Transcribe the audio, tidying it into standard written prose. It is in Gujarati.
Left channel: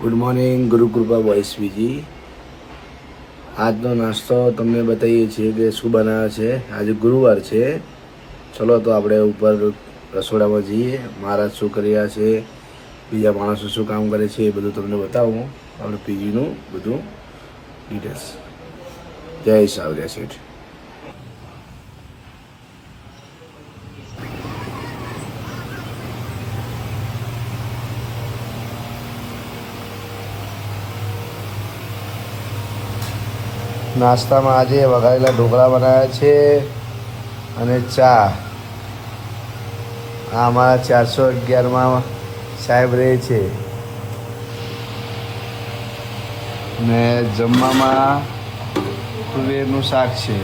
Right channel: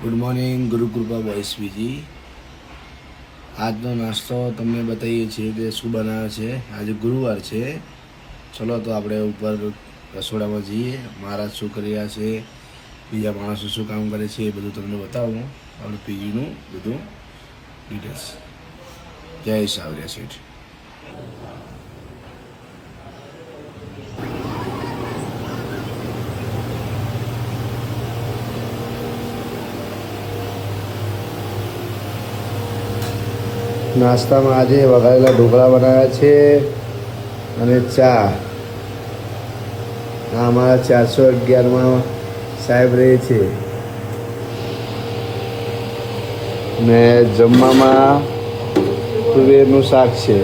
ગુડ મોર્નિંગ ગુરુકૃપા બોયસ બીજી. આજનો નાસ્તો તમને બતાવીએ છીએ કે શું બનાવે છે. આજે ગુરુવાર છે. ચલો તો આપણે ઉપર રસોડામાં જઈએ. મહારાજ શું કરી રહ્યા છે, બીજા માણસો શું કામ કરે છે એ બધું તમને બતાવું. આપણે પીજીનું બધું ડિટેલ્સ. જય સાવરિયા શેઠ. નાસ્તામાં આજે વઘારેલા ઢોકળા બનાવ્યા છે અને ચા. આ અમારા 411માં સાહેબ રહે છે ને જમવામાં તુવેરનું શાક છે.